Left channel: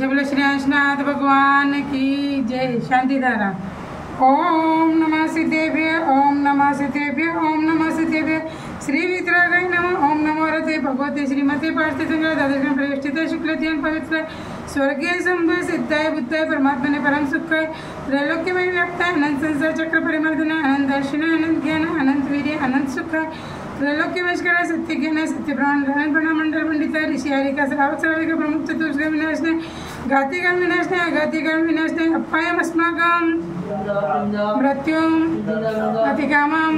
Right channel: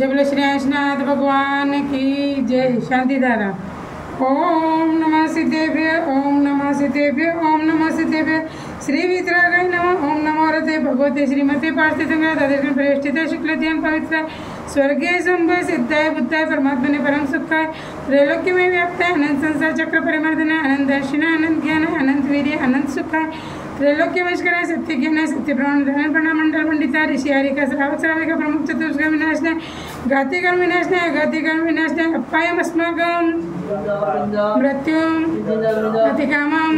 जय बोलो श्री अंशनाथ भगवान की जय। शांति धारा। ओम नमः सिद्धेभ्य ओम नमः सिद्धेभ्य ओम नमः सिद्धेभ्य श्री वितरागाय नमः। ओम नमो रते भगवते श्रीमते पार्थितंगा द्वादशं प्रेष्ठिते शुक्लध्यान पवित्र स्वर्गीय सुंभे सिद्धाय बुद्धाय परमात्मने परम सुखाय त्रैलोक्य में व्याप्ताय अनंत संसार चक्र परिमर्दनाय अनंत दर्शनाय अनंत ज्ञान अनंत वीर्य अनंत सुखाय त्रैलोक्य वशकराय सत्य ज्ञान सत्य प्रमाण धन प्रणाम मंडल पंडिता ऋषि हरिका श्रावक श्राविका प्रमुख चतुर्स्क विनाशने घातिगण विनाशने अघातिगण विनाशने अपायम अस्माकं मृत्युम अतिकामम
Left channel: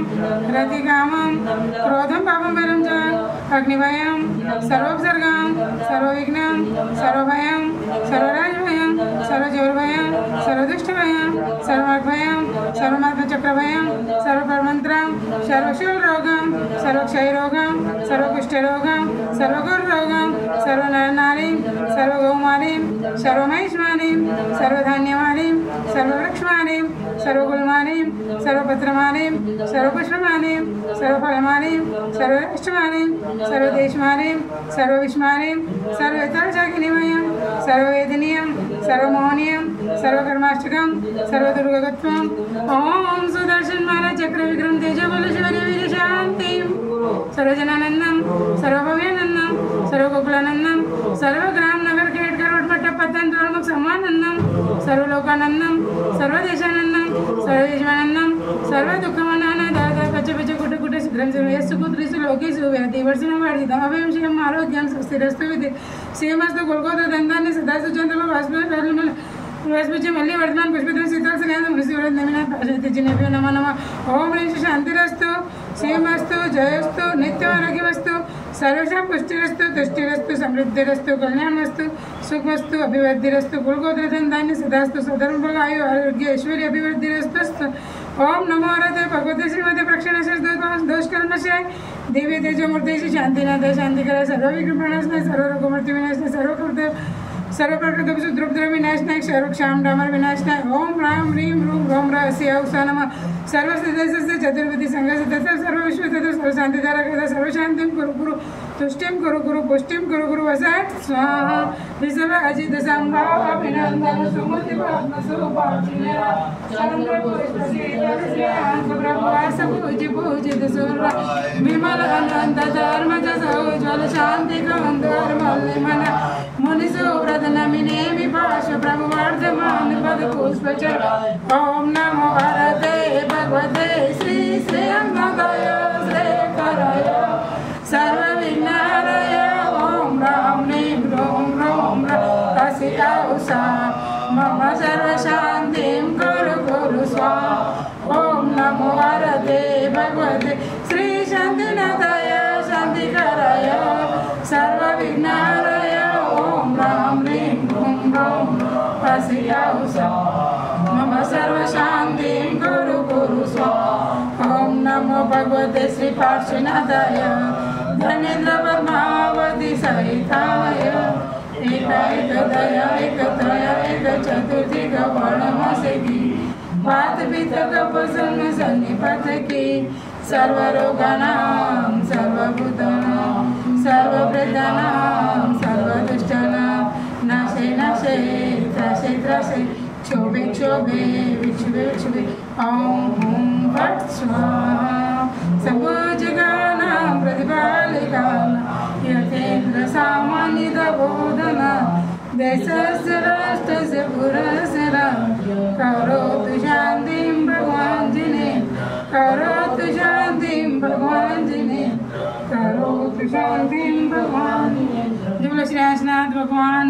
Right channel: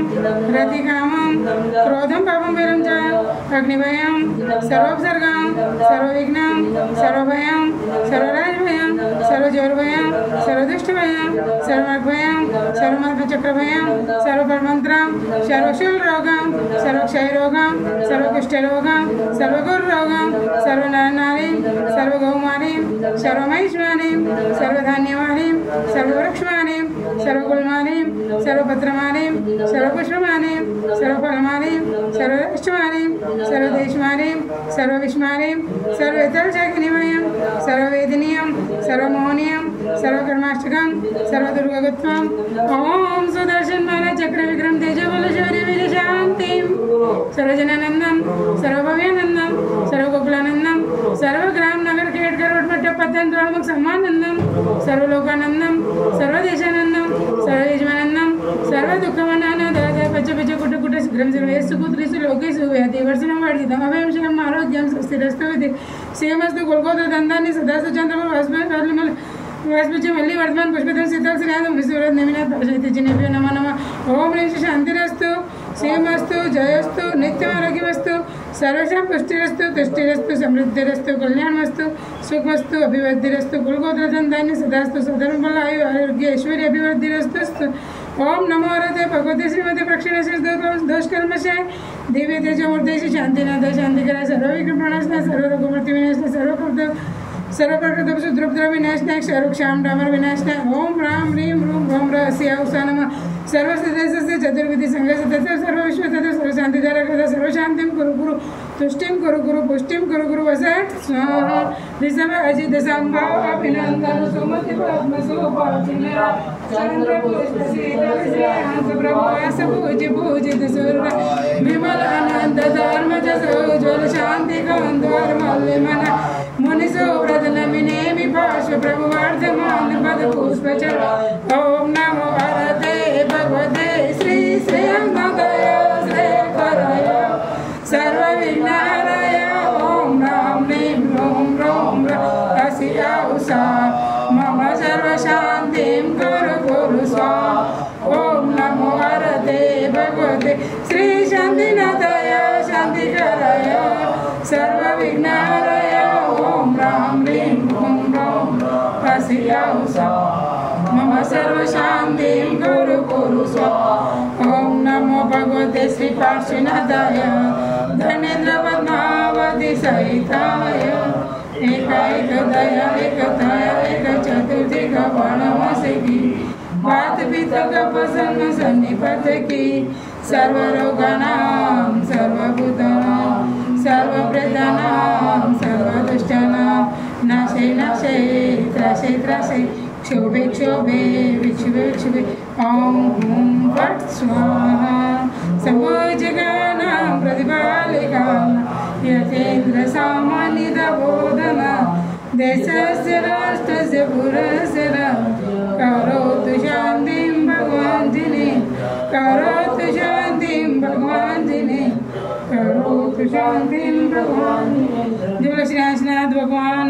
रतिकामम क्रोधम पापम वैरम च अग्निभयम सर्वोपसर्गम सर्वविघ्नं सर्वभयं सर्वराजभयं सर्वजोरभयं सर्वदुष्टभयं सर्वमग्भयं सर्वमात्मचक्रभयं सर्वपरमन्त्रं सर्वशूलरोगं सर्वक्षयरोगं सर्वकुष्ठरोगं सर्वगुरुरोगं सर्वनरनारीं सर्वगौमारीं सर्वमहिष्मानीं सर्वधान्यमानीं सर्ववृक्षमानीं सर्वकुलमानीं सर्वपत्रमानीं सर्वपुष्पमानीं सर्वफलमानीं सर्वष्टमानीं सर्वदेशमानीं सर्वविष्मानीं सर्वेतरशाकिनीमयं सर्ववेदनीयं सर्वमोहनीयं सर्वकर्माष्टकं सर्वदुर्गत्वं ओम सुदर्शन माला चक्र विक्रम तेजबल शौर्य वीर शांतिं सर्वजनानंदं सर्वभव्यानंदं सर्वगोकुलानंदं सर्वग्राम नगर खेड करोड मठ पतन द्वारमुख समानंदं सर्वलोकानंदं सर्वदेशानंदं सर्वदेशमानंदं सर्वदुःखमानंदं दादा पच पच कुट कुट सुग्रम सर्वेषु कुत्रिषु लोकेषु व्याधि वर्षणं वर्धितं अभयं आरोग्यं स्वस्तिरस्तु विदे श्रीमस्तु गोलगोत्र दंतानि सदासु चंद्रमा वास्मल वास्पचे मल्ली वर्धमान पुष्पधर शीतल श्रीयादम विश्वरथ नेमिनाथ भाषयति जिनेभ्यो नमः नमः। ओम ह्रीं शांतिरस्तु श्रीमस्तु जयस्तु नित्यमारोग्यमस्तु सर्वेषां पुष्टिरस्तु तुष्टिरस्तु समृद्धिरस्तु कल्याणमस्तु सुखमस्तु अभिवृद्धिरस्तु कुलगोत्रदन्तानि सदास्तु सधर्मबल आयु आरोग्य ऐश्वर्य अभिवृद्धिरस्तु। ओम नमो रते भगवते श्रीमते प्रक्षिणशेष दोषकर्मशाय दिव्य तेजमूर्तेषु शांतिनाथ शांतिकरा सर्वविघ्न प्रणाशनाय सर्वरोगमूर्ति विनाशनाय सर्वप्रकृत द्रुपद्र विनाशनाय क्षाम डामर विनाशनाय ओम राम ह्रीं रूम रोम रस्याउसा नमः। सर्वसिद्धेशस्य चतुर्विधि संघस्य तथा सर्वविश्व तथा सर्वशांतिधारक तथा सर्वशांतिं कुरु गुरु तुष्टिं कुरु गुरु पुष्टिं कुरु गुरु वसत् स्वाहा। ऋषभ अजित संभाव अभिनंदन सुमति पद्मसुभाचिन्या चंद्र पुष्प श्रीधर ब्रह्मास पूजित सूर्य विमल अनंत धर्म ज्वल शांति कौंद्वर मल्लिमन मुनिसुव्रत नमिने विपाश ब्रह्मार्धमान पद पुष्पचर। ओम नमो भगवते भगवते श्री श्रीनाथाय श्रीकराय सर्वविघ्नहराय ओम राम ह्रीं रूम रोम रस्याउसा मम सर्वशान्तिं कुरु कुरु स्वाहा। ओम नमो भगवते भगवते श्री शान्तिनाथाय शान्तिकराय सर्वविघ्नहराय ओम राम ह्रीं रूम रोम रस्याउसा मम सर्वशान्तिं कुरु कुरु स्वाहा। ओम नमो भगवते श्री पार्श्वनाथाय धनेन्द्र पद्मावती सहिताय एकतया एक चतुर्थी कपाणवासे की बात पिता कपसन्म सन्निपत की सर्वरोगानां सर्वभूतानां सर्वप्रेतानां सर्वदुष्टानां नाशे नाशे त्रासे त्रासे क्षोभे क्षोभे विक्षुभे विक्षुभे ओम हुं फट् स्वाहा। सम्भुजगानां प्रतिपालिकानां यतीन्द्र सामान्यतबोधना देशस्य राष्ट्रस्य पुरस्य करोतु शान्तिं भगवान् जिने करोतु शान्तिं भगवान् जिने करोतु शान्तिं भगवान्। जय बोलो श्री अंशनाथ भगवान